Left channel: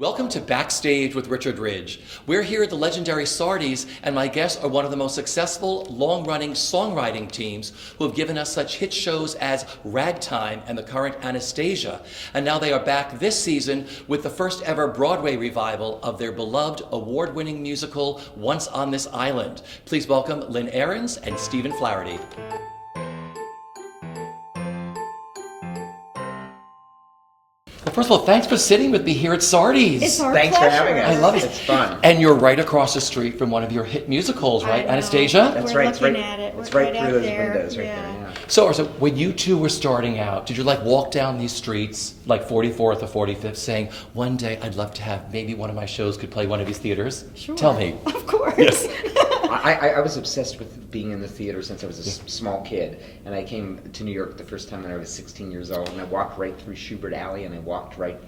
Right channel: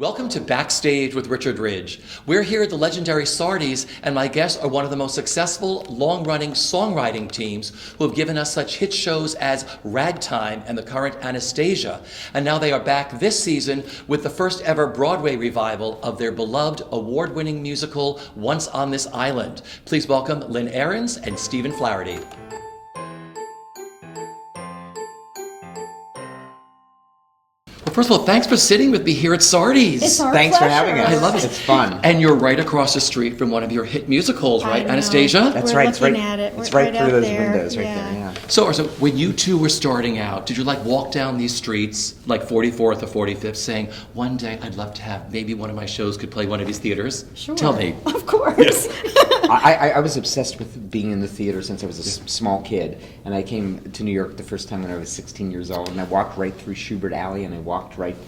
Welcome to Backstage with Richard Ridge. We're here at the legendary Sardis, and my guests are one of the most successful, long-running songwriting teams who have given us such hit shows as Ragtime and the current Anastasia. And now they are back this season with the first ever Broadway revival of their beloved award-winning musical, Once on This Island. Please welcome Lynn Ahrens and Stephen Flaherty. Well, first of all, thanks for sitting with me here at Sardi's. It's our Thanks pleasure. for having us. I love it. It's fun. And you're right across the street from one of your hit musicals, right, Anastasia? That's We're right. looking at it. It's We're right through out those there. windows right Yeah. there. Yeah. So when you two were starting out, did you walk down these streets, like 44th or 45th, saying, one day I'd love to have, maybe one of my shows could play one of these theaters? Sure. Tell me. Of course. Yes. I was obsessed with being in the theater since I was a small kid. And I came to New York the first time when I was 16 years old. And I walked right through Schubert Alley and I walked right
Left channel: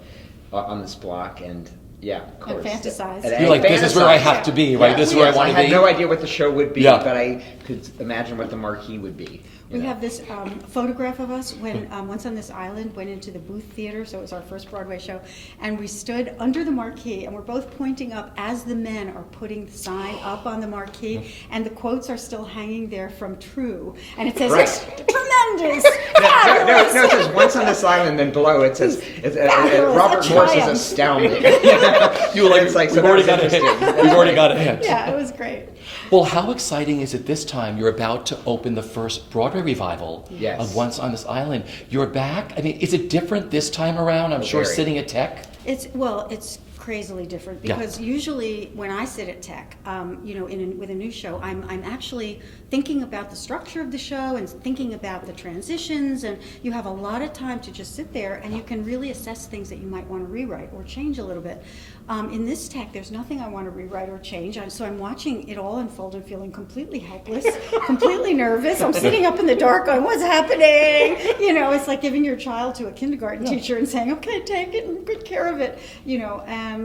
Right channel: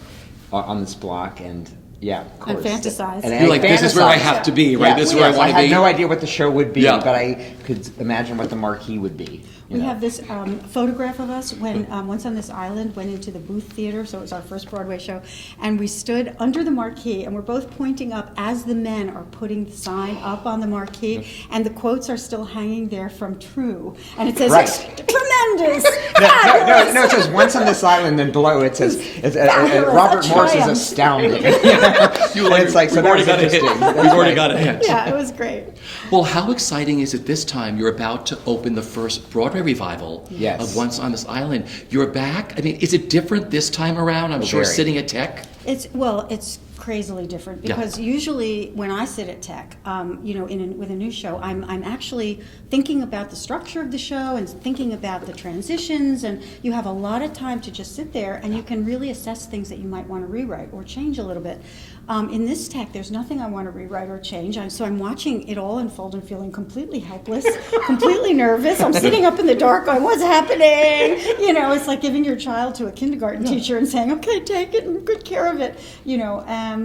on this block. And yeah, of course. And fantasized. You're like, this is where I have to be, right? Yeah. This is where I want to be. I had no idea what the show would be, Yeah. but I could imagine what the marquee would be. We have this photograph of us when Once on This Island went into the Booth Theater, so it was our first Broadway show, and we stood under the marquee, and we're both pointing up as the men are putting the sign up on the marquee, and the quotes are still hanging there from True, and it says, Right. tremendous, No, it says Once on This Island, and then below it says, Fabulous, Robert a Morris is triumph. astounding. You were like, It's like, so we've that already was got a hit. interesting. We've already got a hit. Yeah, it was great. Well, how exciting is it this time? You're about to open the first Broadway revival Yes. of Once on This Island. You're back? I mean, is it different this time around? I'm sure very. sitting at Tech. It's crazily different because usually when I sit at Tech, with a new show, I'm actually thinking about the structure of the show and thinking about the transitions, and you have a lot of time to just sit there and you can really assess things that you might want to rewrite or change a little bit. In this Tech, there's nothing I want to rewrite or change, so I'm watching it all unfold and feeling completely helpless, completely nervous. I'm sitting up in the dark going, what's happening? It's like giving your child to a kindergarten teacher and saying, okay, take it and good care of it.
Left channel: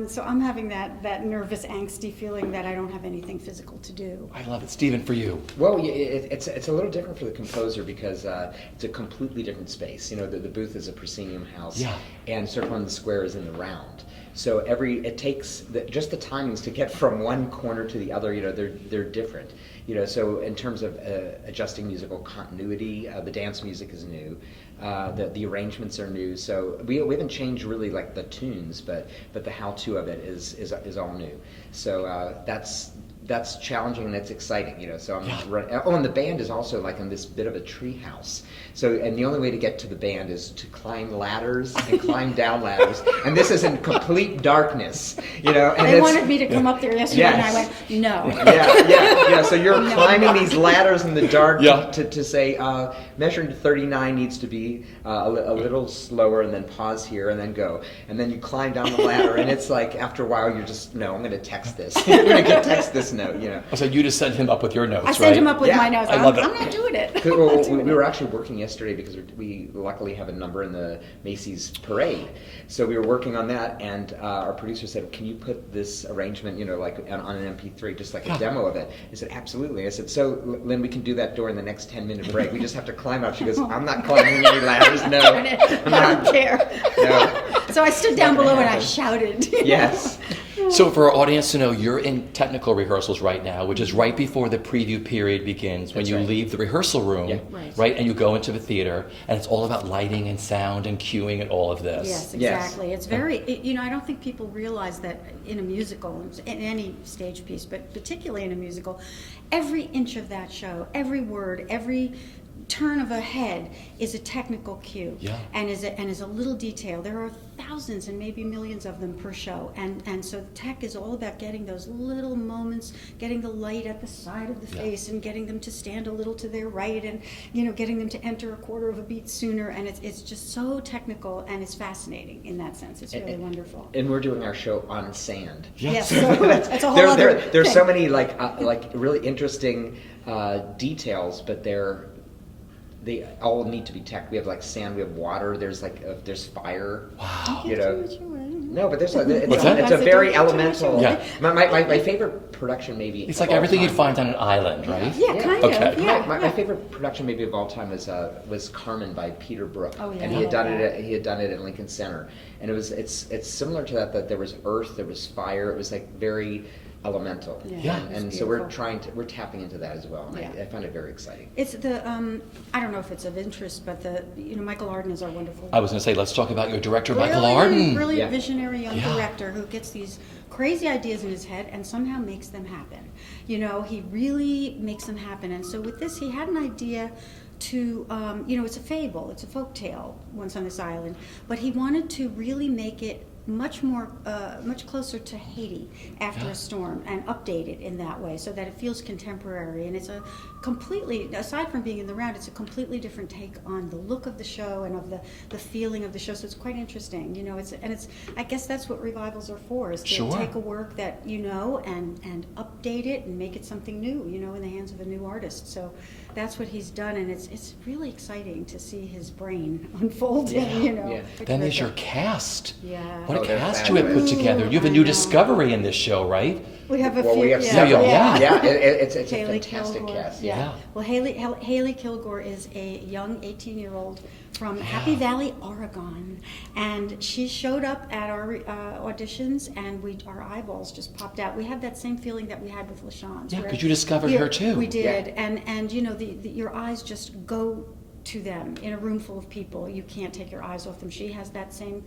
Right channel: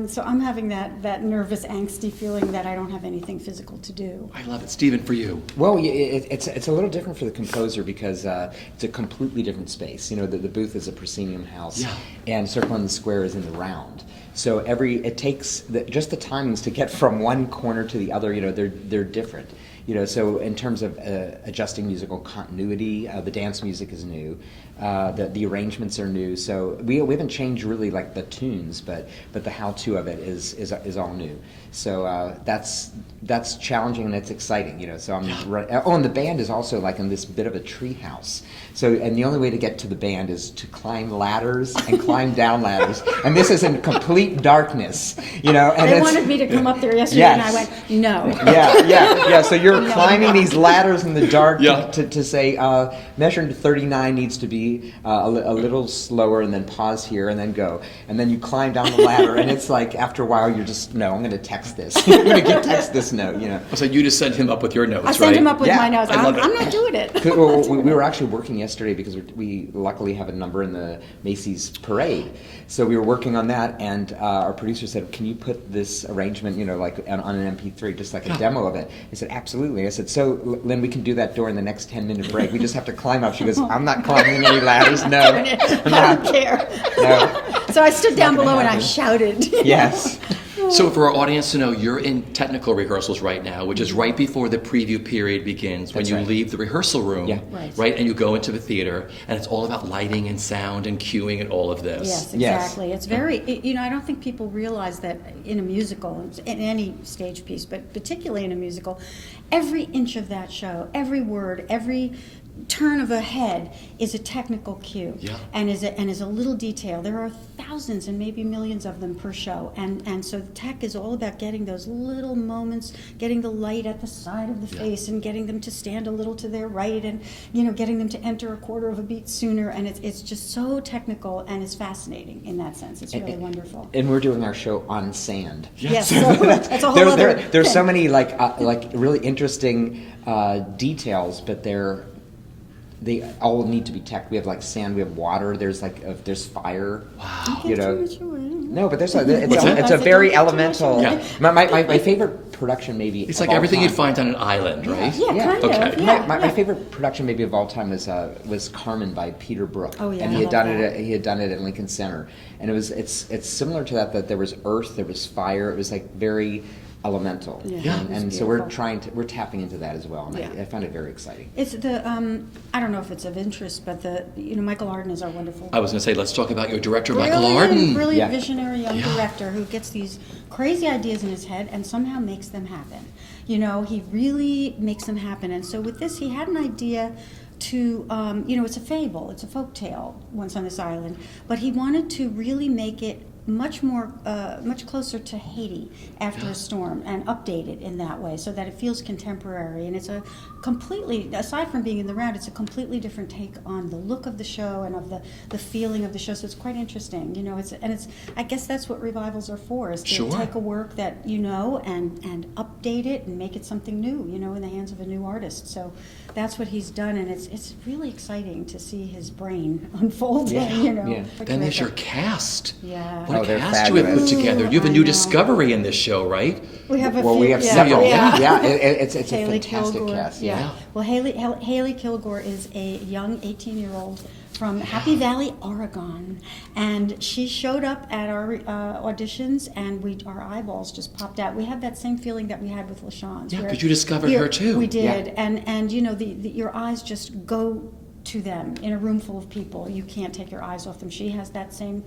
So I'm having that nervous, angsty feeling that I don't have anything physical to do. I love it. Stephen, for you. Well, it's a little different for the composer because it's a completely different space. The booth is a proscenium house, and Circle in the Square is in the round. So it takes just the timings to get from one corner to the other. They're different. So in terms of adjusting musical continuity, the dance music is new. The arrangements are new. So we haven't changed really like the tunes, but the how-to of it is all new. So that's challenging and it's exciting. So and the band is also like in this bit of a tree house. So and the only way to get to the band is to climb ladders and climb down ladders. And this is in complete darkness. And they wanted me to come up there yesterday, and I went, no. Yeah. So you're climbing these ladders in the dark Yeah. to say measuring to 39 needs to be a little slower, and then pause here, and then go, and then you climb down the ladder, and it's like after a while you're just I'm going to text this. I'm going to text this note. So you just sent him up with your notes, I sent him up with my notes. I love it. I'm not doing it. We were actually working yesterday because we luckily have a number in the Macy's parade. So we were working on that, and our producer said, "Can you put this arrangement, like on an MP3, just like a demo of it?" I said, "Absolutely." I said, "So, Lynn, we can do that during the next 10-minute break. We just have to climb up." She goes, "I'm not climbing any ladders. No, I don't care." No. So I stood down below and I shouted. Yes. So for our audience to know, you're in technical rehearsals right now, which is right before the preview period begins, when That's you right. leave the rehearsal room, Yeah. Right. and you go into the theater, and it's all about lighting and sound and cueing and all of this. Yes, Yes. exactly. It's very, I don't think people realize that in a musical, in any stage piece, but particularly in a musical, every inch of that show, every word, every turn of a head is a technical cue, and is a little detail. There are thousands and maybe millions of them per show, and so tech is all about getting those little moments, getting the light at the side of the face, and getting them to stand a little to their right, and getting them to enter a quarter of a beat sooner, and it's just so technical, and it's fascinating in that sense. It's really wonderful. And we're doing our show on sand. Yes, so that's a whole other There's thing. so many like really interesting details, but they're they all need to be tech. We have like sand, we have water. There's there's fire. Don't You give know. too much away. No, but it's What's that? a very elemental. Yeah. My favorite production maybe. It's of like all everything you'd time- find on an island, right? Yeah, kind Okay. of. Yeah, My favorite production maybe of all time was Carmen by Peter Brook. Oh, yeah, and I he love had done it at Lincoln Center, and it's similar to that there was earth, there was fire. It was like very elemental. Yeah. it was And so beautiful. we're tapping into that as well, and Yeah. I find it very exciting. It's the I don't know if it's of interest, but Michael Arden is our wonderful. I was going to say, let's talk about your director, Michael Brilliant, Arden. brilliant Yeah. visionary young Yeah. director who gets these crazy ideas in his head and somehow makes them happen. He really makes them happen. And so with this, he had an idea to, it's a fable, it's a folk tale, Once on This Island, but he wanted to really make it much closer to Haiti after a storm and update it in that way so that it feels contemporary. And it's a completely, aside from being in the round, it's a completely different take on the look of the show and of the feeling of the show. So it's quite interesting, I guess that's what revivals are for, is to Sure. take a work that and update it and make it something new, in the hands of a new artist. So that's what he's done, and it's really exciting to see his brain unfolding, Yeah. Quite Then there's your terrific. cast. Yeah. What Oh, a they're cast you have put fabulous. together. You have a I new know. discovery in this show, right? We have a Well, few. we have yeah, several. Yeah. It's a Haley fantastic Kilgore. cast. Yeah. Well, Haley Kilgore is a young 18-year-old from Happy Valley, Oregon, and she showed up at our auditions, and our eyeballs just popped out. We had that same feeling that we had with LaShawne's. Yeah, where 'cause you discovered her too. We did, Yeah. and your eyes just go to them in a room full of people. You can't take your eyes off them. She has that same.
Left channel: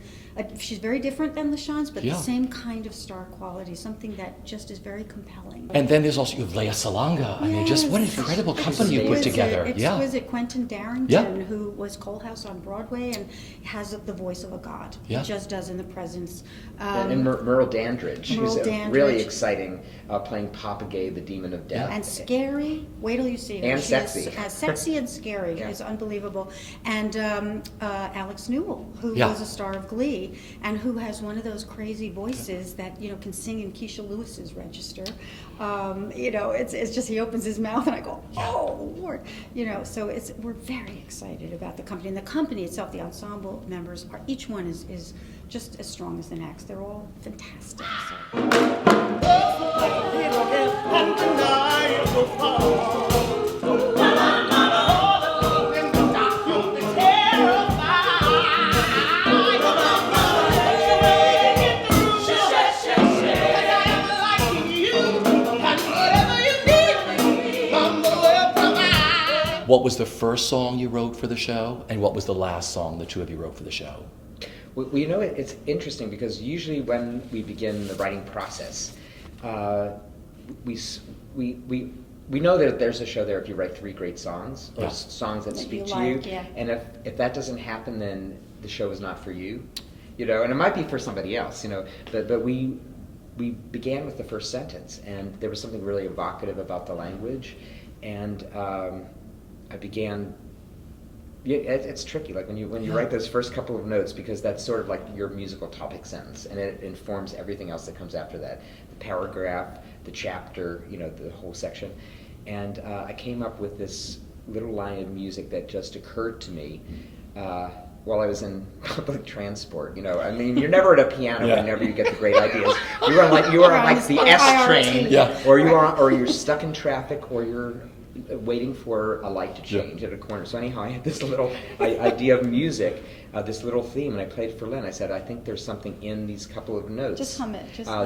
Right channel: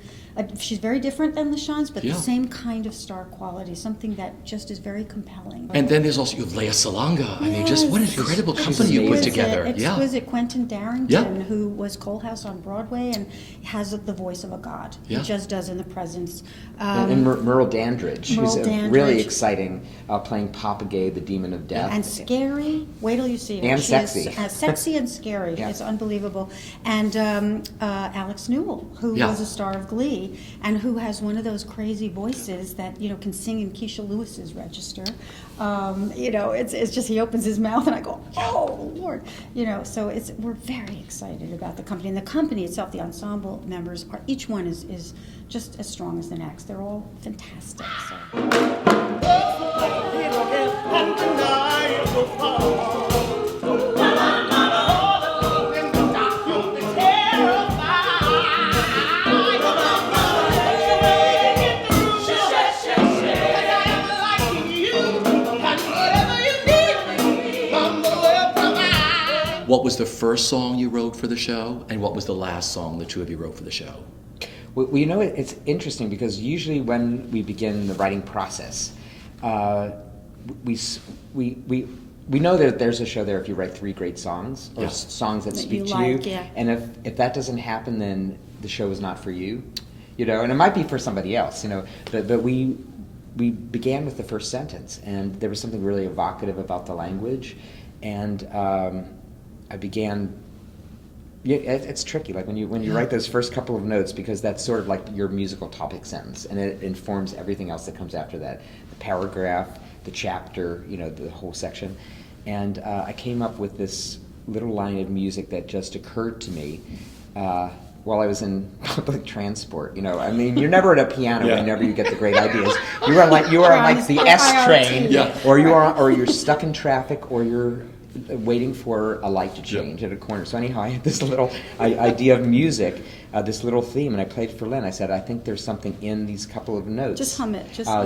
She's very different than LaShawne's, but Yeah. the same kind of star quality. Something that just is very compelling. And then there's also you have Lea Salonga. I mean, just what an Yes. incredible company you put Exquisite, together. Yeah. Exquisite Quentin Darrington, Yeah. who was Coalhouse on Broadway and has the voice of a god. Yeah. He just does in the presence. And Merle Dandridge, Merle who's Dandridge. really exciting, playing Papa Gay, the demon of death. And scary. Wait till you see her. And She sexy. Is, sexy and scary. Yeah. It's unbelievable. And Alex Newell, who Yeah. was a star of Glee, and who has one of those crazy voices that can sing in Keisha Lewis's register. It's just he opens his mouth and I go, oh Lord, So we're very excited about the company, and the company itself. The ensemble members each one is just as strong as the next. They're all fantastic. So. What was the first song you wrote for the show, and what was the last song the two of you wrote for the show? Well, it's interesting because usually when we begin the writing process, we know that there's a show there if you write 3 great songs or Yeah. songs that That speak you to like, you, yeah. and if that doesn't happen, then the show is not for you, and it might be for somebody else, but we began with the first sentence, and there was something really evocative about the language, and I began. Yeah, it's tricky. Like when you write those first couple of notes, because that's sort of like your musical topic sentence, and it informs everything else that comes after that, the paragraph, the chapter, the whole section. And I came up with this little line of music that just occurred to me while I was in public transport. I mean, you're never at a piano Yeah. whenever you get the great ideas. You are like the S train, Yeah. or you're stuck in traffic, or you're waiting for a light to change at a corner. So anyhow, I had this little idea of music, this little theme, and I played for Lynn. I said, I think there's something in these couple of notes. Just hum it. Just Da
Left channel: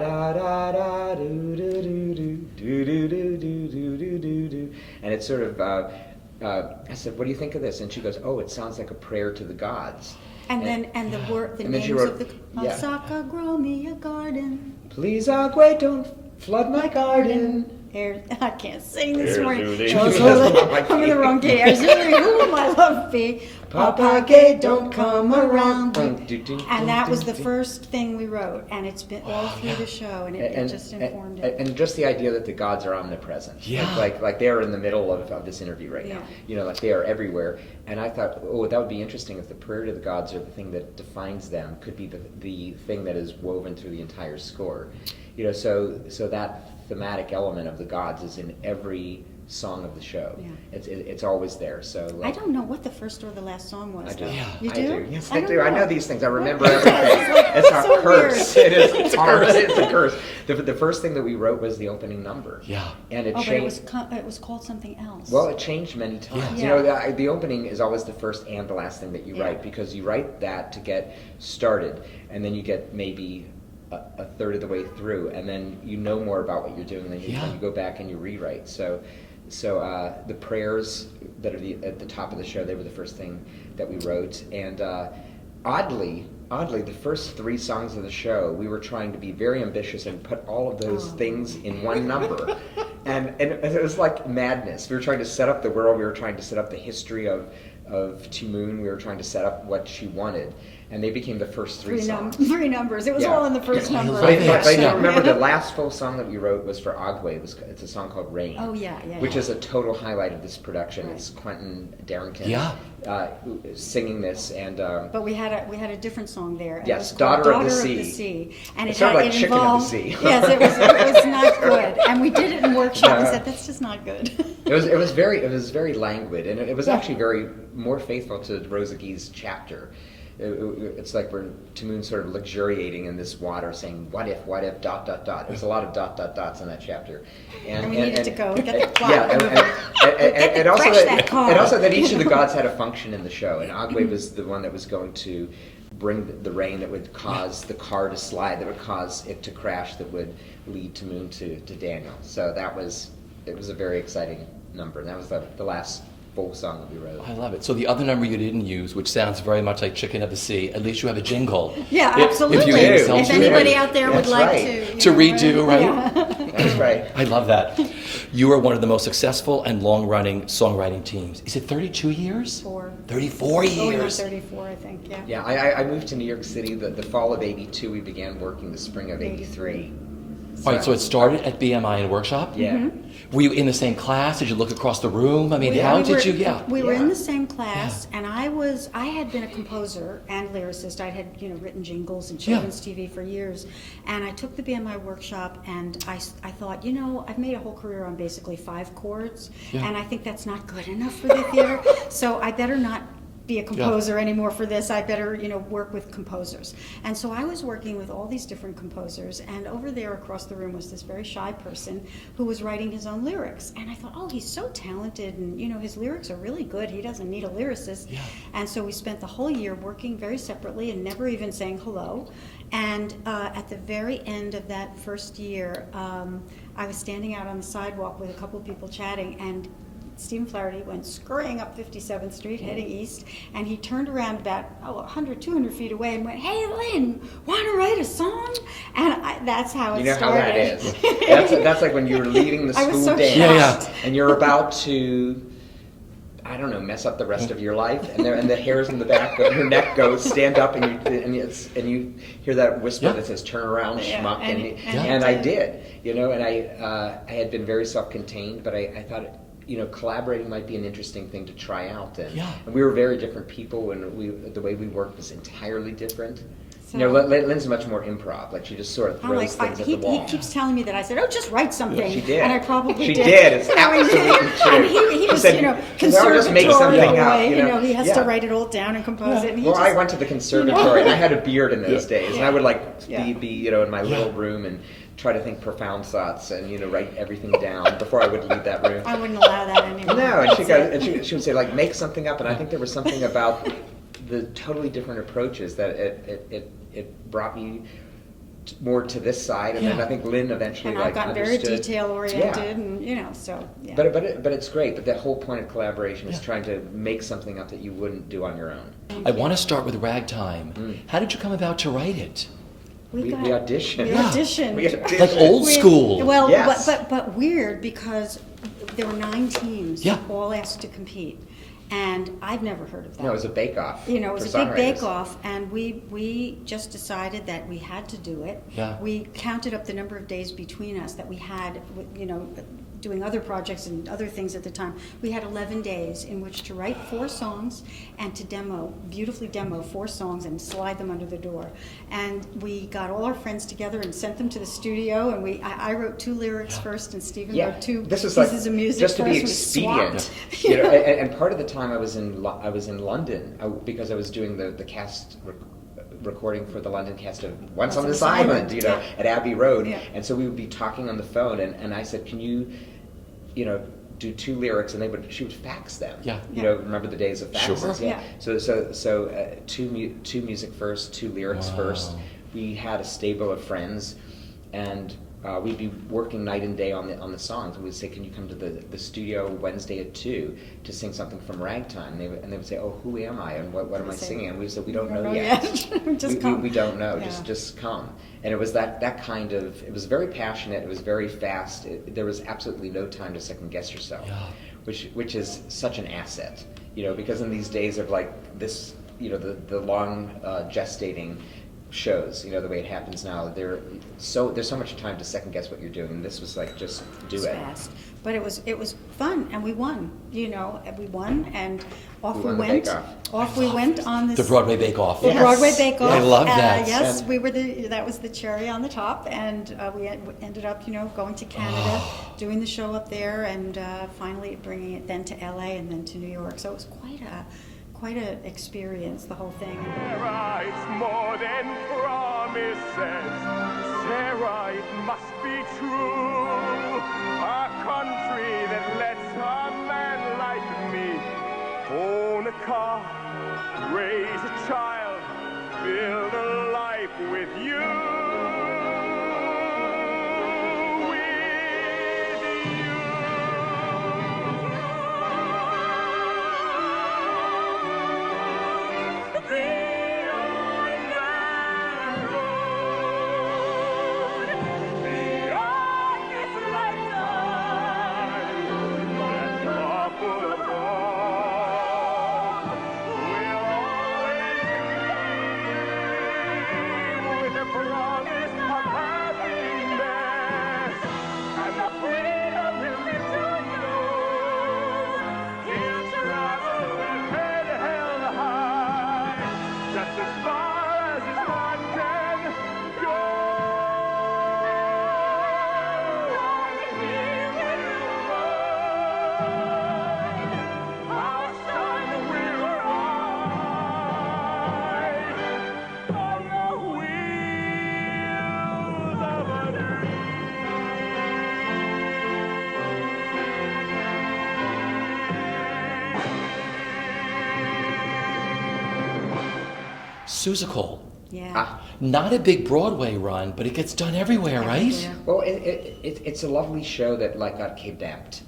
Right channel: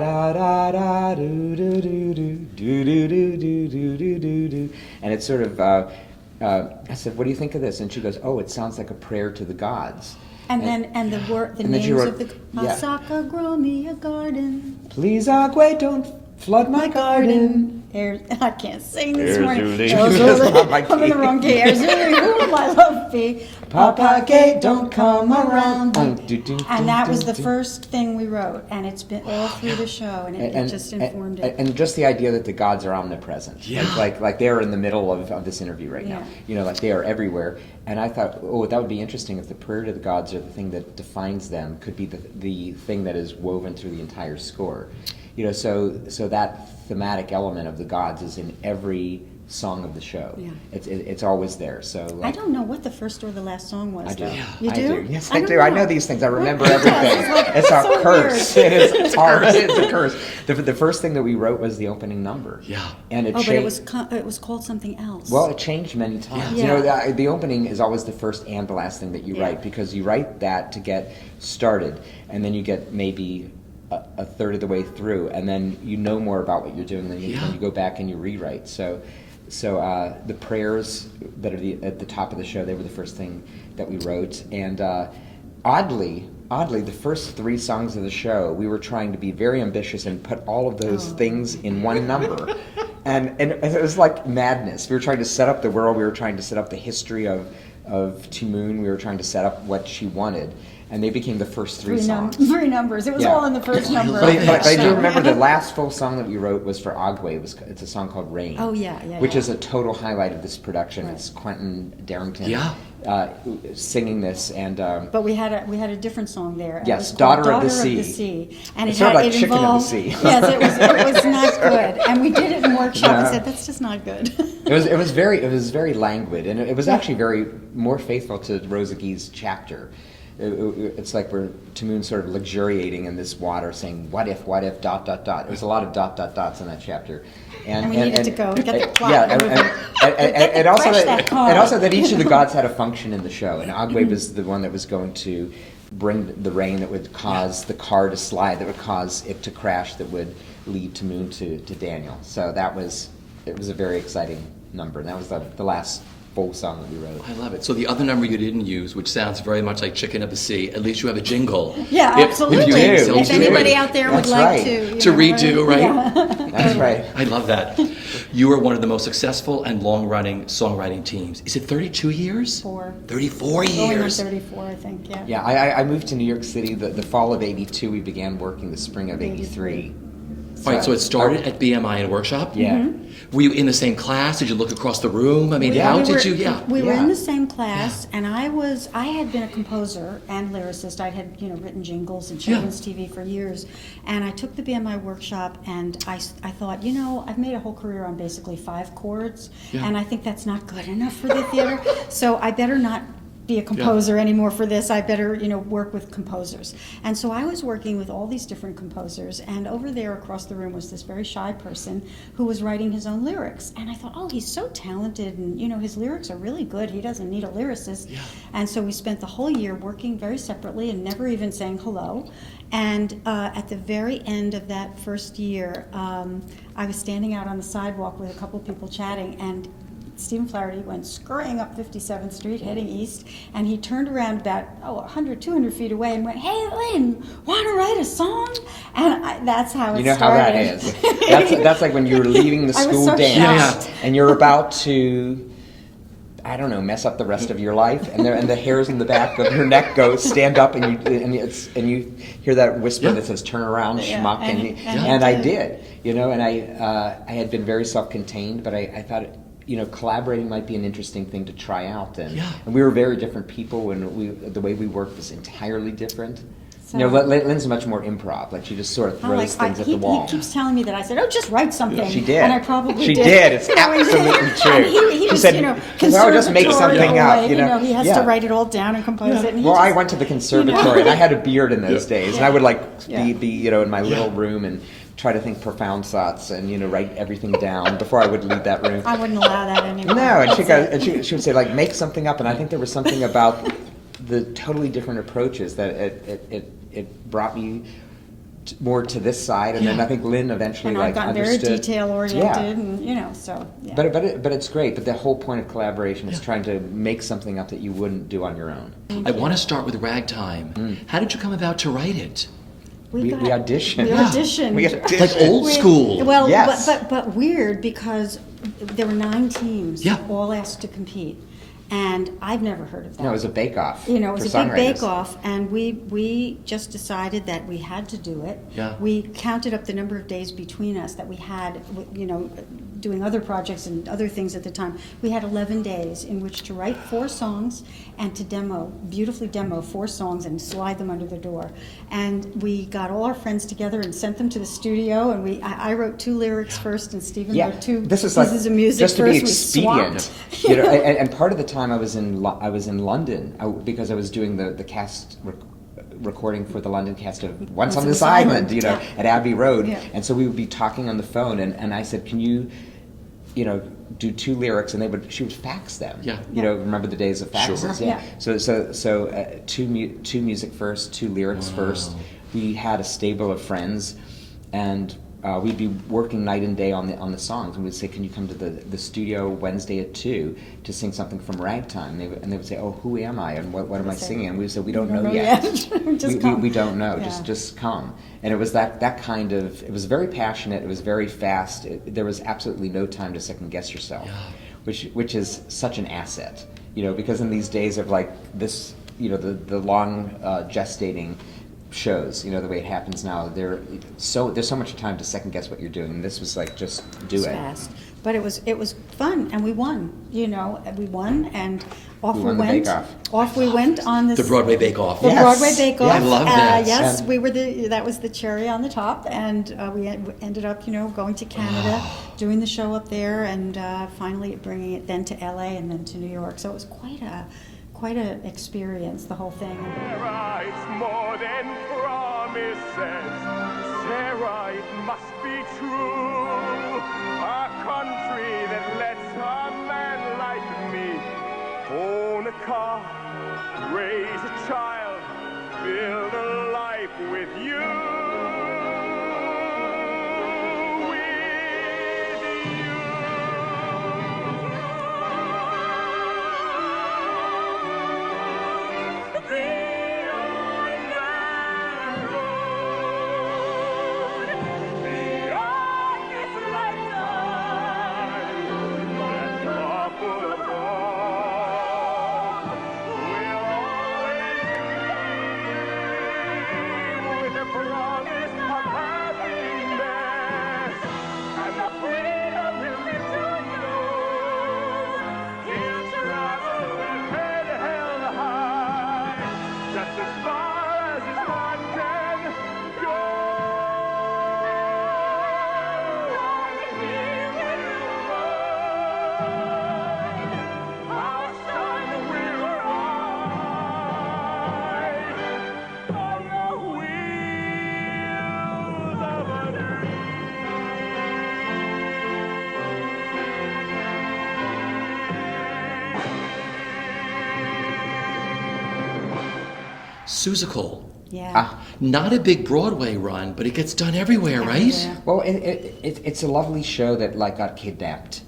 da da da do do do do do do do do do do do. And it's sort of. I said, what do you think of this? And she goes, oh, it sounds like a prayer to the gods. And the and then she names wrote- of the yeah. Osaka, grow me a garden. Please, Agwe, don't flood my garden. I can't sing this Air morning. Zulu. Erzuli. I'm in the wrong key. Erzuli, who will my love be? Papa Gay, don't come around. And that was the first thing we wrote, and it's been all through the show, and it just informed it. And just the idea that the gods are omnipresent. Yeah. Like they're in the middle of this interview right now. Yeah. Like they are everywhere. And I thought, oh, that would be interesting if the prayer to the gods, or the thing that defines them, could be the thing that is woven through the entire score. So that thematic element of the gods is in every song of the show. Yeah. It's always there. So I don't know what the first or the last song was. I do. though. Yeah. You do? I do. Yes, I don't do. I know these things. I remember everything. It's our so curse. weird. It is. It's a curse. The first thing that we wrote was the opening number. Yeah. And it Oh, but changed. it was called something else. Well, it changed many times. Yeah. You know, the opening is always the first and the last thing that you Yeah. write, because you write that to get started, and then you get maybe a third of the way through, and then you know more about what you're doing, then you go back and you rewrite. So the prayers that are at the top of the show, they were the first thing that we wrote, and oddly, the first 3 songs of the show, we were trying to be very ambitious and put all of those things in one number, and it was like madness. We were trying to set up the world, we were trying to set up the history of Timoon, we were trying to set up what she wanted, and they became the first 3 songs. 3 numbers. It was all in the first number. But I do So- remember the last full song that we wrote was for Agwe. It's a song called Rain. Oh, yeah, which yeah. is a total highlight of this production. Right. It's Quentin Darrington singing this, and But we had a different song there. and Yes, it was called Daughter of the Daughter Sea. And It's sort of like Chicken of the involved, Sea. Yes, it was not good. And we did it in workshop and said, that's just not good. it was very languid, and it was actually very more faithful to Rosa Guy's chapter. It's like we're Timoon sort of luxuriating in this water, saying what if, dot. There's a lot of dots in that chapter, And we needed to go get the plot. Yeah, and also Crash that car. and also that each of the gods had a function in the show, and Agwe was the one that was going to bring the rain that would cause the car to slide, that would cause it to crash, that would lead Timoon to Daniel. So it was a very exciting number, and that was the last full song that we wrote. I love it. So the other number you didn't use, which sounds very much like Chicken of the Sea, at least you have a jingle. Yeah, absolutely. you do. yourself If to anybody it. out there That's would like right. To redo, right? Yeah. That's right. I love that. You are one of the most successful and long-running songwriting teams. Is it 32 years? 34 Going on years. 34, I think, yeah. Yeah, I moved to New York City the fall of '82. We began working the spring of '83. Right, so it started at BMI in a workshop? Yeah. Were you in the same class? Did you look across the room? I mean, how did you, We were Yeah. in the same class, and I had been a composer and lyricist. I had, written jingles and children's TV for years, and I took the BMI workshop, and I thought, I've made a whole career on basically 5 chords, and I think that's not good enough for the theater, so I better not be a composer anymore for this. I better, work with composers. And so I was working with all these different composers, and over there across the room was this very shy person who was writing his own lyrics. And I thought, oh, he's so talented, and his lyrics are really good. He doesn't need a lyricist. Yeah. And so we spent the whole year working very separately and never even saying hello. And at the very end of that first year, I was standing out on the sidewalk with a couple of people chatting, and Stephen Flaherty went scurrying up 57th Street, heading east, and he turned around about 100, 200 feet away and went, "Hey, Lynn, want to write a song?" And that's how it started. You know how that is. That's like when you were leaving the I was school so dance, shocked. and you're about to, I don't know, mess up the rest of your life, and the hairs in the back of your neck go stand up, and you hear that whisper that says "turn around, Yeah, schmuck," and I did, and I had been very self-contained, but I thought, collaborating might be an interesting thing to try out, and we were very different people, and the way we worked was entirely different. So, Lynn's much more improv. Like, she just sort of throws things at the wall. He keeps telling me that. I said, "Oh, just write something." She did. And I probably She did. did. It's I did. absolutely true. And he She just, said, "No, just make something up." Conservatorial way, he has Yeah. to write it all down and compose it. And he Well, I just- went to the conservatory, and I had a beard in those days, and I would be in my little room and try to think profound thoughts and write everything down before I would leave that room. I wouldn't allow that anymore. No, and she would say, like, make something up, and I think there was something about the totally different approaches that it brought me more to this side, and then I think Lynn eventually And I've gotten very understood. detail oriented, and so. Yeah. But it's great. But the whole point of collaboration is trying to make something up that you wouldn't do on your own. I want to start with Ragtime. How did you come about to write it? We auditioned. We auditioned. We auditioned. Like old school. Well, Yes. but weird, because there were 9 teams, Yeah. all asked to compete. And I've never heard of that. No, it was a bake-off. You know, it was for a big songwriters. bake-off, and we just decided that we had to do it. Yeah. We counted up the number of days between us that we had, you know, doing other projects and other things at the time. We had 11 days in which to write 4 songs and to beautifully demo 4 songs and slide them under the door. And we got all our friends together and sent them to the studio, and I wrote 2 lyrics first, and Stephen wrote 2 this was pieces like, of music just to first. be We expedient. swapped. You know, and part of the time I was in London because I was doing the cast recording for the London cast of Once on this Island, you know, at Abbey Road, Yeah. and so we would be talking on the phone, and I said, can you know, do 2 lyrics, and she would fax them. Yeah. You know, remember the days of faxes? Sure. Yeah. So two music first, 2 lyrics first. We had a stable of friends, and we'd be working night and day on the songs, and we'd say, can you come to the studio Wednesday at 2 to sing something from Ragtime? And they would say, oh, who am I, and what am I singing? And we said, we don't know yet. Just come. We don't know. Yeah. Just come. And it was that kind of. It was very passionate. It was very fast. There was absolutely no time to second guess yourself, which is such an asset. You know, because in these days of like this, you know, the long gestating shows, you know, the way it happens now, there's so much time to second guess what you're doing. And this was like, just do it. Fast. But it was fun, and we won. You know, and we won, and off We we won the went. bake-off. Off we went on this. The Broadway Bake Off. The Yes. Broadway Bake Off. I love that. Yes, And- we were that was the cherry on the top, and we ended up, you know, going to Canada, doing the show up there, and finally bringing it then to LA and then to New York. So it was quite an experience, the whole thing. Sarah, it's more than promises. Sarah, it must be true. A country that lets a man like me own a car, raise a child, build a life with you. Susical. Yeah. Not a big Broadway run, but it gets done everywhere, right? Everywhere. Well, it's a lovely show that like got kidnapped,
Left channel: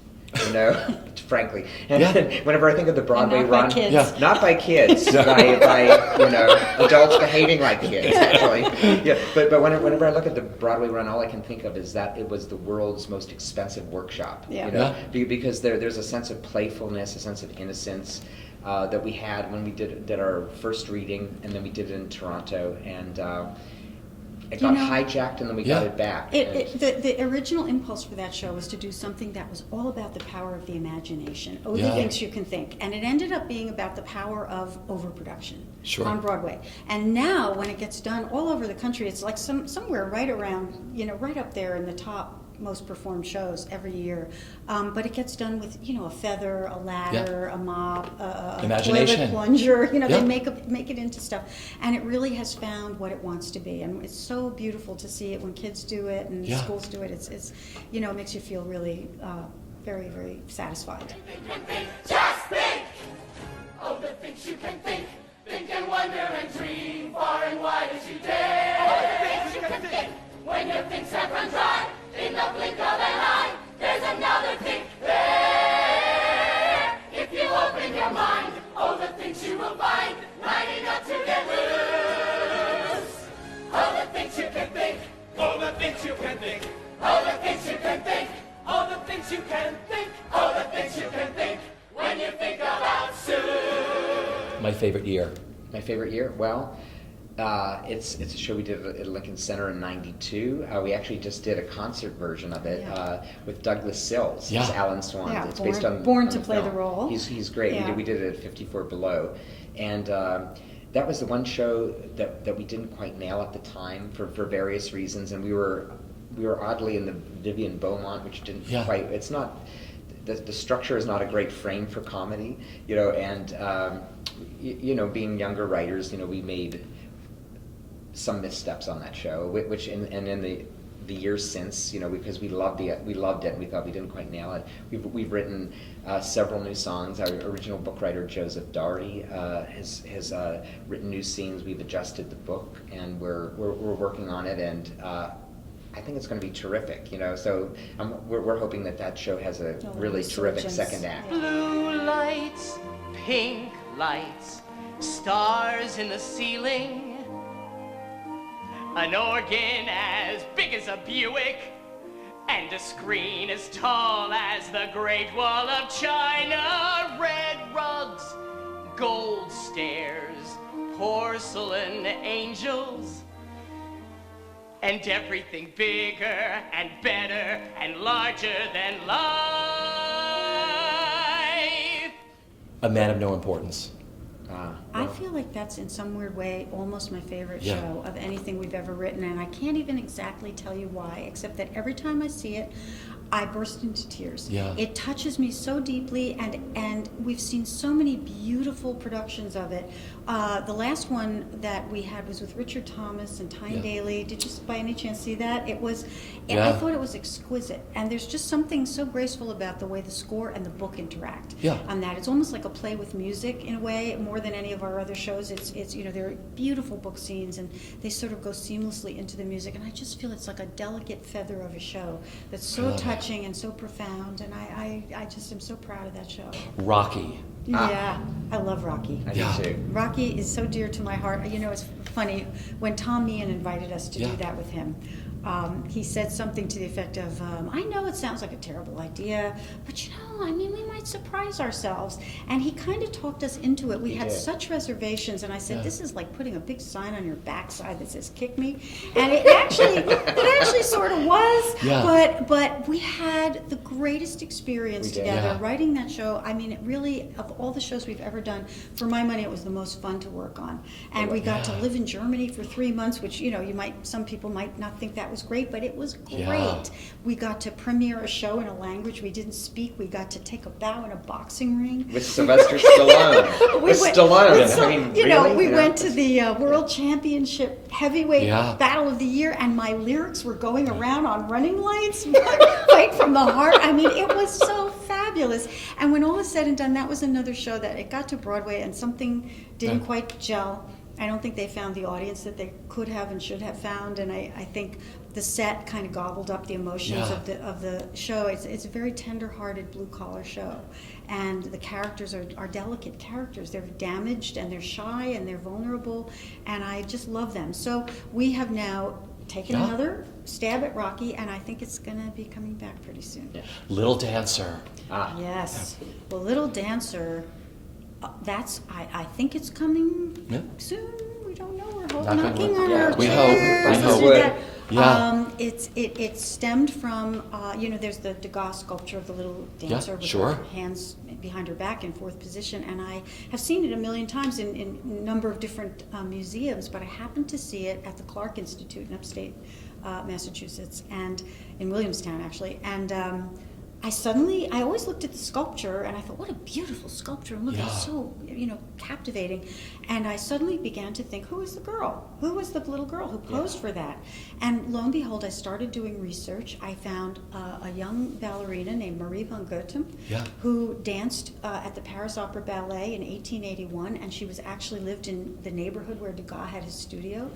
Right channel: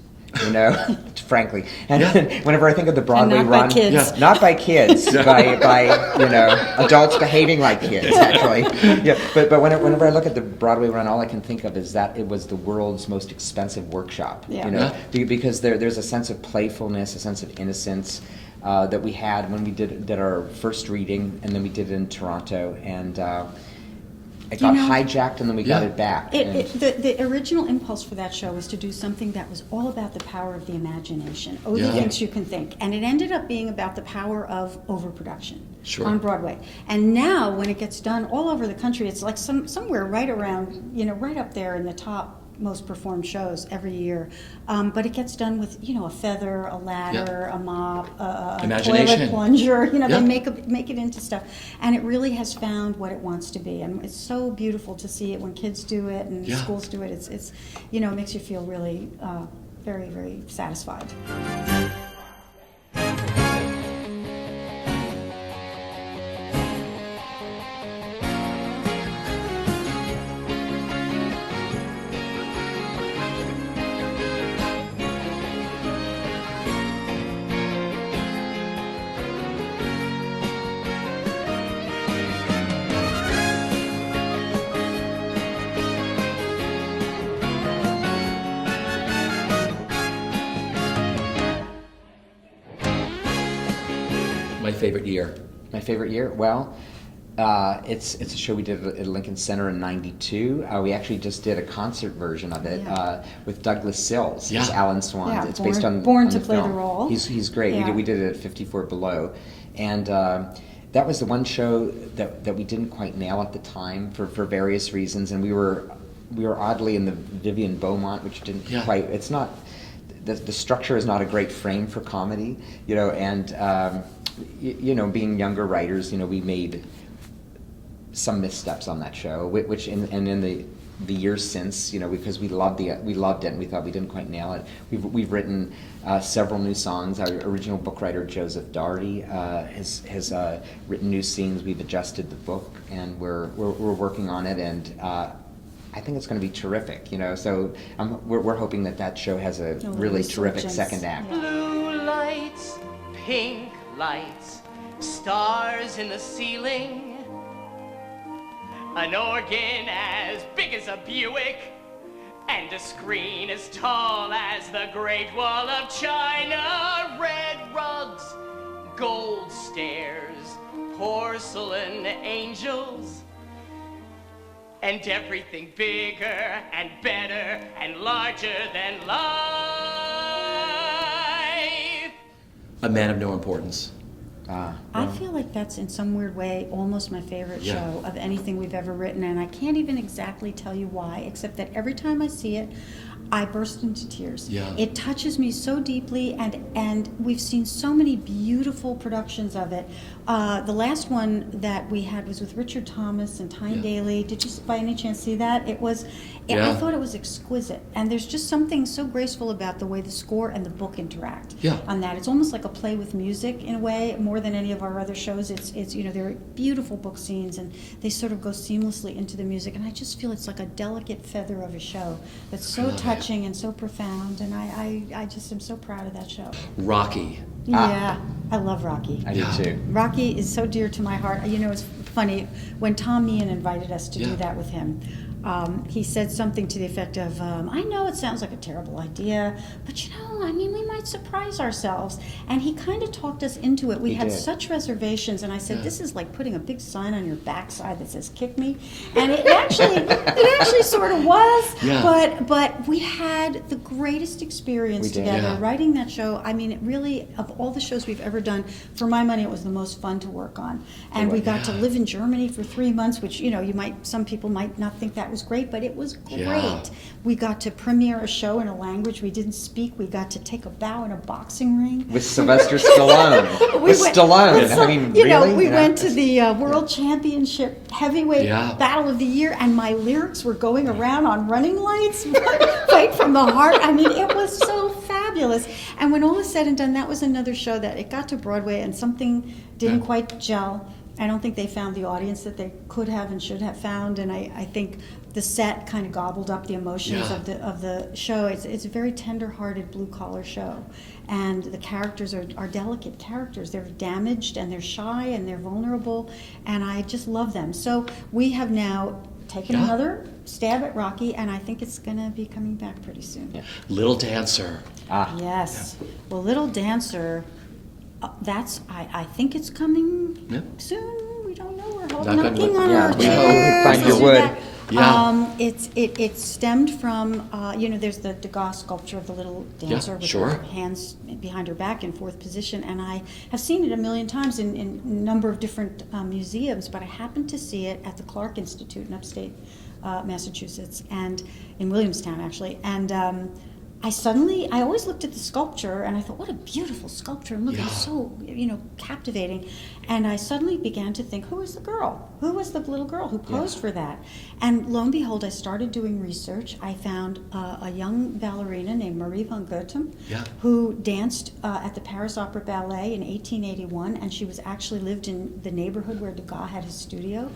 you know, frankly. And whenever I think of the Broadway And not by run, kids. not by kids, by you know, adults behaving like kids, actually. Yeah, but whenever I look at the Broadway run, all I can think of is that it was the world's most expensive workshop. Yeah. You know, because there's a sense of playfulness, a sense of innocence. That we had when we did our first reading, and then we did it in Toronto, and it got hijacked, and then we got it back. The original impulse for that show was to do something that was all about the power of the imagination. The things you can think. And it ended up being about the power of overproduction on Broadway. And now, when it gets done all over the country, it's like somewhere right around, you know, right up there in the top most performed shows every year, but it gets done with, you know, a feather, a ladder, a mop, a toilet plunger. You know, they make it into stuff, and it really has found what it wants to be, and it's so beautiful to see it when kids do it and schools do it. It's you know, it makes you feel really very, very satisfied. Just think! All the things you can think and wonder and see, far and wide as you dare. All the things you can think when your feet step aside. In the blink of an eye, there's another big there. If you open your mind, all the things you will find, lining up to the moon. All the things you can think, all the things you can think, all the things you can think, all the things you can think, all the things you can think. When you think about favorite year? My favorite year? Well, it's a show we did at Lincoln Center in '92. We actually just did a concert version of it with Douglas Sills as Alan Swan. Yeah, it's based on born on to the play film. the role. He's great. Yeah. We did it at 54 Below, and that was the one show that we didn't quite nail at the time for various reasons, and we were oddly in the Vivian Beaumont, which didn't quite. It's not. The structure is not a great frame for comedy, and being younger writers, we made some missteps on that show, which in the years since, because we loved it and we thought we didn't quite nail it. We've written several new songs. Our original book writer Joseph Darty has written new scenes. We've adjusted the book, and we're working on it, and I think it's going to be terrific. So we're hoping that show has a really terrific second act. Blue lights, pink lights, stars in the ceiling, an organ as big as a Buick, and a screen as tall as the Great Wall of China. Red rugs, gold stairs, porcelain angels, and everything bigger and better and larger than life. A Man of No Importance. I feel like that's in some weird way almost my favorite show of anything we've ever written, and I can't even exactly tell you why, except that every time I see it, I burst into tears. Yeah. It touches me so deeply, and we've seen so many beautiful productions of it. The last one that we had was with Richard Thomas and Tyne Daly. Did you by any chance see that? I thought it was exquisite, and there's just something so graceful about the way the score and the book interact on that. It's almost like a play with music in a way, more than any of our other shows. It's there are beautiful book scenes, and they sort of go seamlessly into the music, and I just feel it's like a delicate feather of a show that's so touching and so profound, and I just am so proud of that show. Rocky. Yeah, I love Rocky. I do too. Rocky is so dear to my heart. It's funny, when Tom Meehan invited us to do that with him, he said something to the effect of, I know it sounds like a terrible idea, but we might surprise ourselves. And he kind of talked us into it. We had such reservations, and I said, this is like putting a big sign on your backside that says, kick me. And it actually sort of was, but we had the greatest experience together writing that show. It really, of all the shows we've ever done, for my money, it was the most fun to work on. And we got to live in Germany for 3 months, which, some people might not think that was great, but it was great. Yeah. We got to premiere a show in a language we didn't speak. We got to take a bow in a boxing ring. With Sylvester Stallone. We went to the World Championship Heavyweight Battle of the Year, and my lyrics were going around on running lights, right from the heart. It was so fabulous. And when all was said and done, that was another show that it got to Broadway, and something didn't quite gel. I don't think they found the audience that they could have and should have found, and I think the set kind of gobbled up the emotions of the show. It's a very tender-hearted blue-collar show, and the characters are delicate characters. They're damaged, and they're shy, and they're vulnerable, and I just love them. So we have now taken another stab at Rocky, and I think it's going to be coming back pretty soon. Little Dancer. Yes. Well, Little Dancer... I think it's coming soon. We don't know. We're knocking on our chairs. It stemmed from there's the Degas sculpture of the little dancer with her hands behind her back in fourth position, and I have seen it a million times in a number of different museums, but I happened to see it at the Clark Institute in upstate Massachusetts, and in Williamstown actually, and I always looked at the sculpture and I thought, what a beautiful sculpture, and look, it was so, captivating. And I suddenly began to think, who was the girl? Who was the little girl who posed for that? And lo and behold, I started doing research. I found a young ballerina named Marie von Goethem, who danced at the Paris Opera Ballet in 1881, and she was actually lived in the neighborhood where Degas had his studio.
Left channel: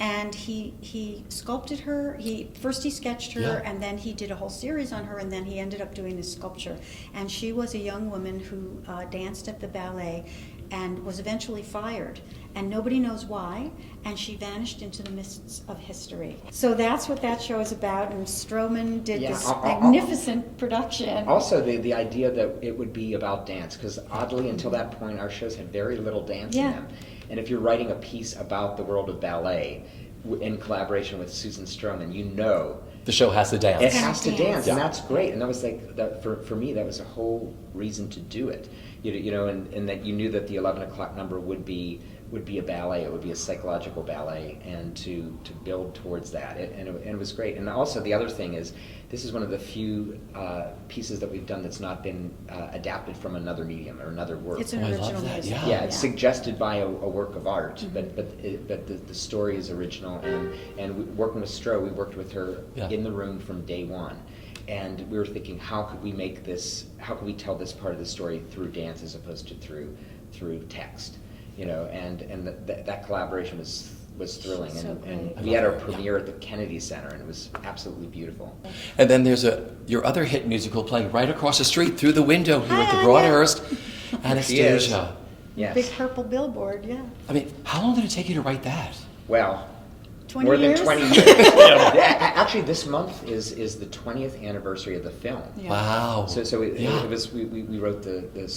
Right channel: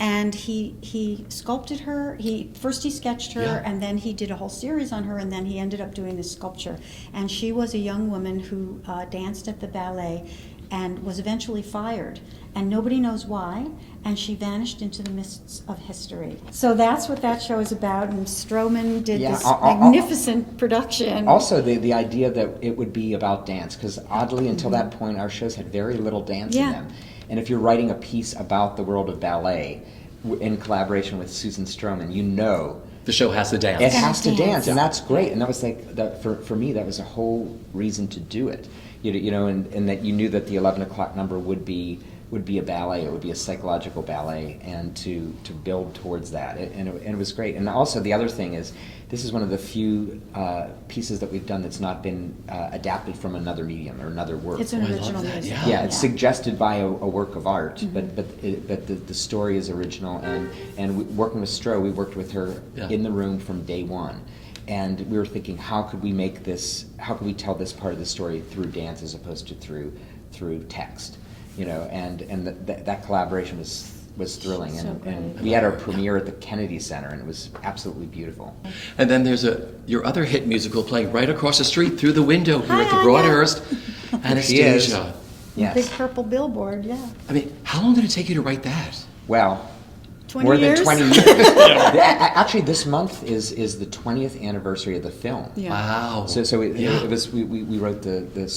And he sculpted her. First he sketched her, and then he did a whole series on her, and then he ended up doing this sculpture. And she was a young woman who danced at the ballet and was eventually fired. and nobody knows why, and she vanished into the mists of history. So that's what that show is about, and Stroman did this magnificent production. Also, the idea that it would be about dance, because oddly, until that point, our shows had very little dance in them. And if you're writing a piece about the world of ballet in collaboration with Susan Stroman, you know the show has to dance. It has to dance, and that's great. And that was like, for me, that was a whole reason to do it. You know, and that you knew that the 11 o'clock number would be a ballet. It would be a psychological ballet, and to build towards that, and it was great. And also the other thing is, this is one of the few pieces that we've done that's not been adapted from another medium or another work. It's an original music. Yeah, it's suggested by a work of art, but the story is original. And working with Stro, we worked with her in the room from day one. And we were thinking, how could we tell this part of the story through dance as opposed to through text, you know? And that collaboration was thrilling. And we had our premiere at the Kennedy Center, and it was absolutely beautiful. And then there's your other hit musical playing right across the street through the window here at the Broadhurst, Anastasia. Yes. Big purple billboard, yeah. I mean, how long did it take you to write that? Well, 20 more years? than 20 years. Actually, this month is the 20th anniversary of the film. Yeah. Wow. So we wrote the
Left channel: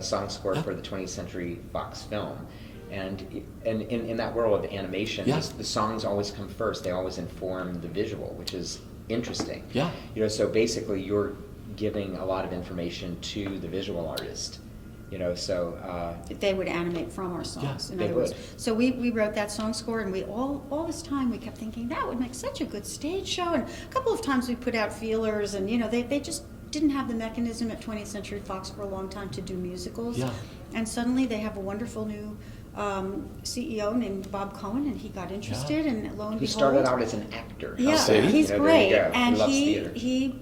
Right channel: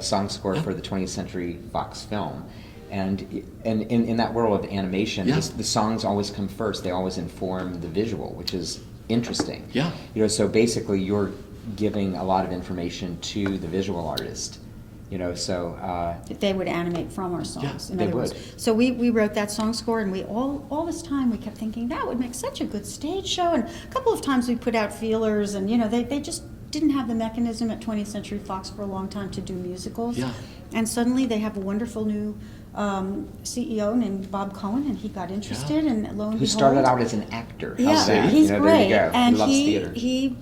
song score for the 20th Century Fox film. And in that world of animation, the songs always come first. They always inform the visual, which is interesting. Yeah. You know, so basically you're giving a lot of information to the visual artist. You know, so they would animate from our songs. In they other would. words, so we wrote that song score, and we all this time we kept thinking that would make such a good stage show. And a couple of times we put out feelers, and you know they just didn't have the mechanism at 20th Century Fox for a long time to do musicals. Yeah. And suddenly they have a wonderful new CEO named Bob Cohen, and he got interested, and lo and behold, he started out as an actor. Yeah, How's that? he's you know, great, there you go. and loves theater. he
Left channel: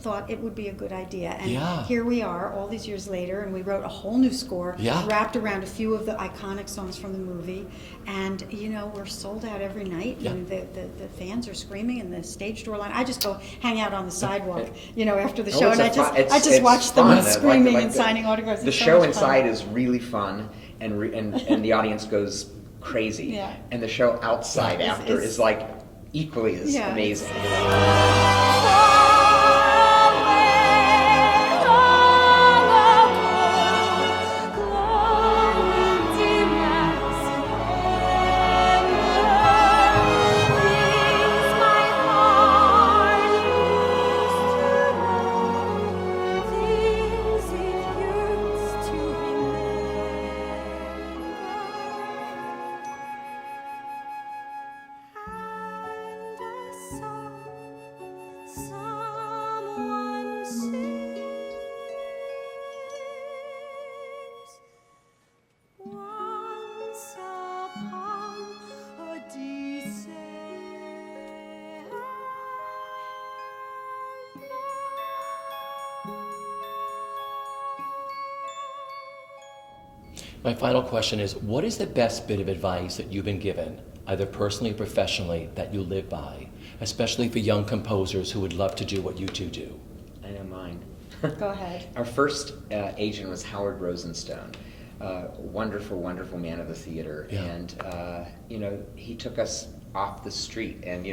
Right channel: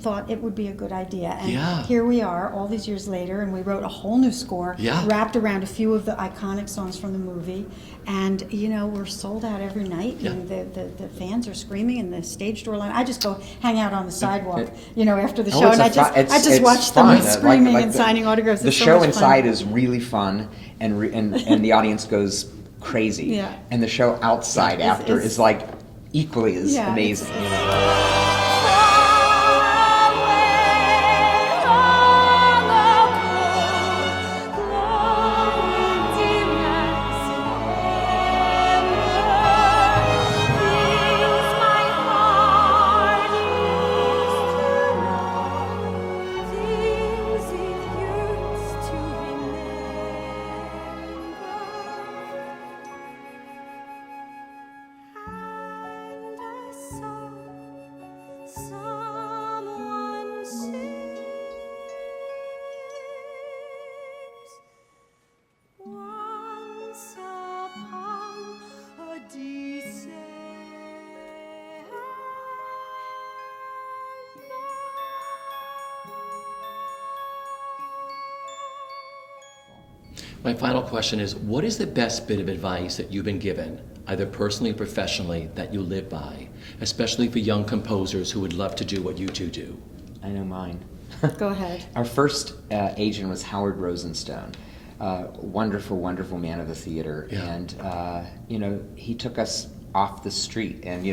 thought it would be a good idea, and Yeah. here we are all these years later, and we wrote a whole new score wrapped around a few of the iconic songs from the movie, and we're sold out every night, and the fans are screaming in the stage door line. I just go hang out on the sidewalk, after the show, and I just watch them screaming and signing autographs. The It's so show much inside fun. is really fun, and the audience goes crazy. Yeah. And the show outside after it's- is like equally as amazing. My final question is, what is the best bit of advice that you've been given, either personally or professionally, that you live by, especially for young composers who would love to do what you two do? I know mine. Go ahead. Our first agent was Howard Rosenstone, wonderful, wonderful man of the theater, and he took us off the street and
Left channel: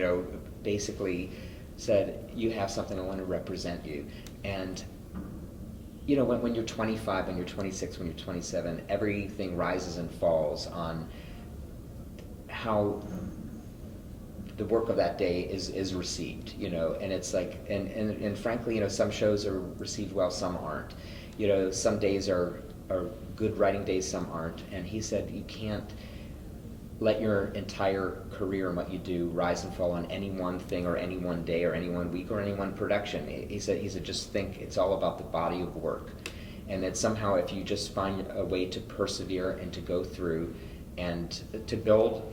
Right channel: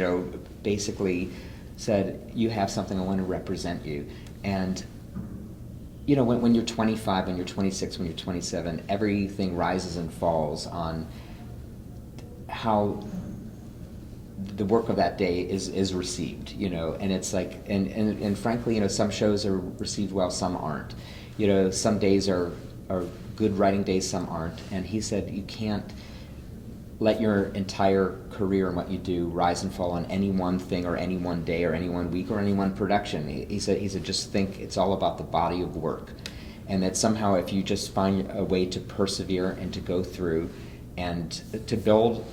basically said, "You have something, I want to represent you." And when you're 25, when you're 26, when you're 27, everything rises and falls on how the work of that day is received, and it's like, and frankly, some shows are received well, some aren't. Some days are good writing days, some aren't. And he said, you can't let your entire career and what you do rise and fall on any one thing or any one day or any one week or any one production. He said, just think it's all about the body of work. And that somehow if you just find a way to persevere and to go through and to build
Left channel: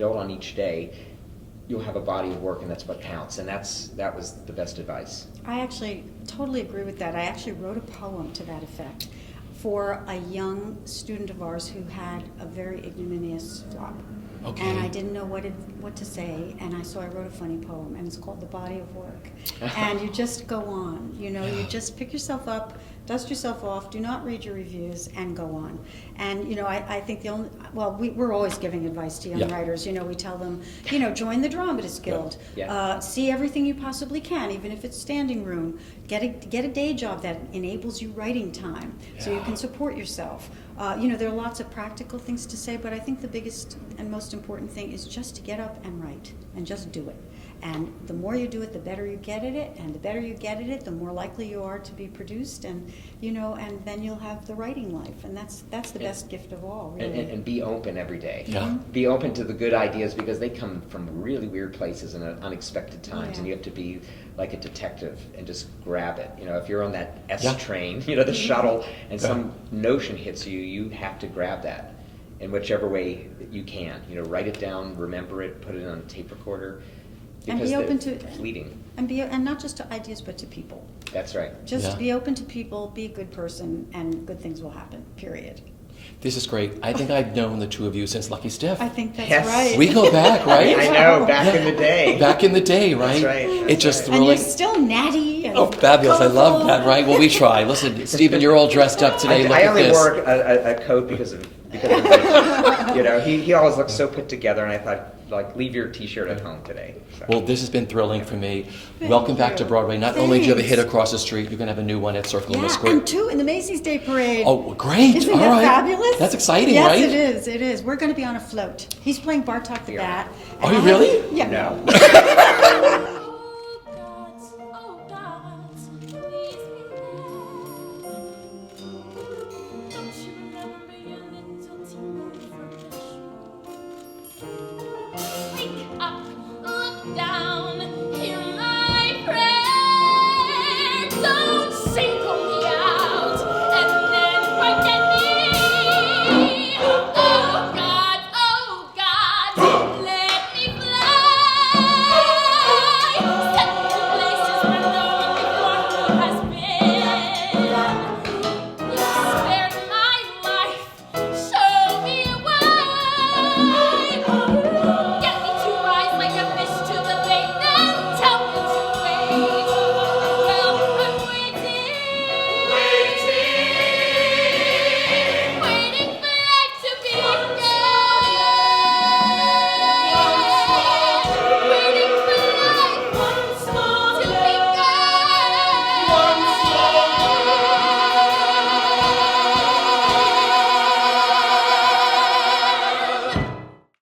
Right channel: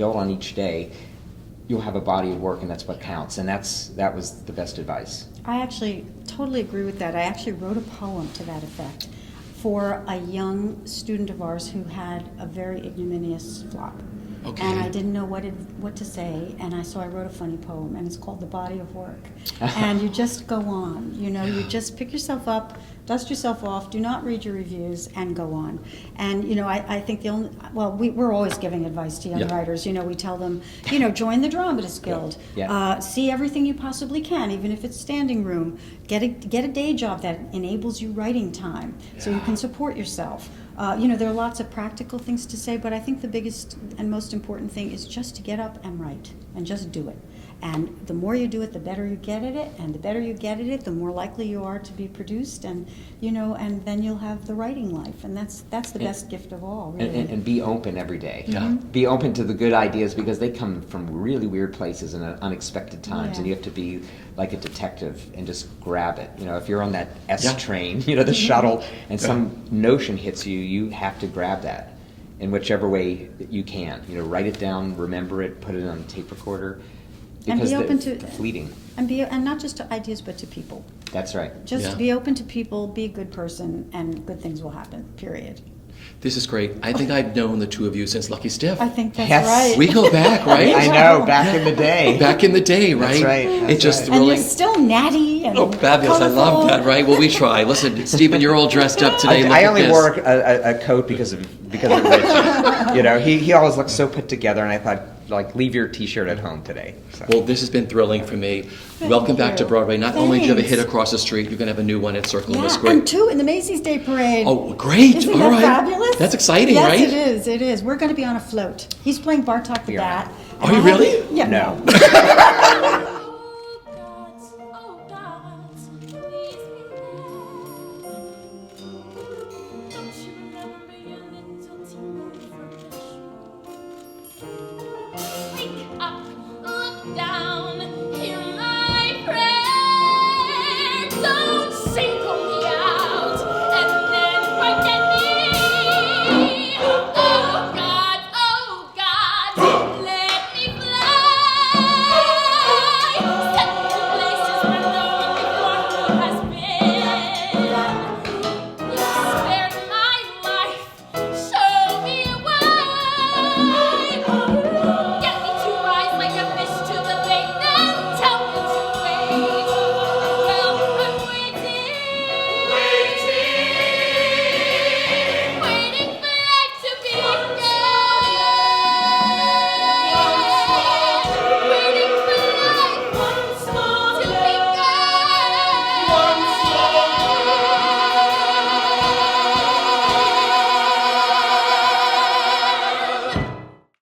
on each day, you'll have a body of work, and that's what counts. And that was the best advice. I actually totally agree with that. I actually wrote a poem to that effect for a young student of ours who had a very ignominious flop. Okay. and I didn't know what to say, and so I wrote a funny poem, and it's called The Body of Work. And you just go on, you just pick yourself up, dust yourself off, do not read your reviews, and go on. And I think we're always giving advice to young writers. We tell them, join the Dramatists Guild, see everything you possibly can, even if it's standing room. Get a day job that enables you writing time, so you can support yourself. There are lots of practical things to say, but I think the biggest and most important thing is just to get up and write, and just do it. And the more you do it, the better you get at it, and the better you get at it, the more likely you are to be produced, and and then you'll have the writing life, and that's the best gift of all, really. And be open every day. Yeah. Be open to the good ideas, because they come from really weird places and unexpected times, Yeah. and you have to be like a detective and just grab it. If you're on that S train, the shuttle, and some notion hits you, you have to grab that in whichever way that you can. Write it down, remember it, put it on a tape recorder. And be open they're to fleeting. And not just to ideas, but to people. That's right. Just be open to people, be a good person, and good things will happen, period. This is great. I think I've known the two of you since Lucky Stiff. I think that's Yes. right. We go back, right? I know, back in the day. Back in the day, right? That's right. It's just And thrilling. you're still natty and Oh, fabulous. I love colorful. that, right? Well, we try. Listen, Stephen, you're all dressed up today. Look I at only this. wore a coat because of Richie. He always looks so put together, and I thought, leave your T-shirt at home today. So. Well, this has been thrilling for me. Welcome back to Broadway. Not only do you have a hit across the street, you're going to have a new one at Circle in the Yeah, Square. and 2 in the Macy's Day Parade. Oh, great. Isn't All that right. fabulous? That's exciting, yes, right? Yes, it is. We're going to be on a float. He's playing Bartok the Yeah. Bat. Are you really? Yeah. No.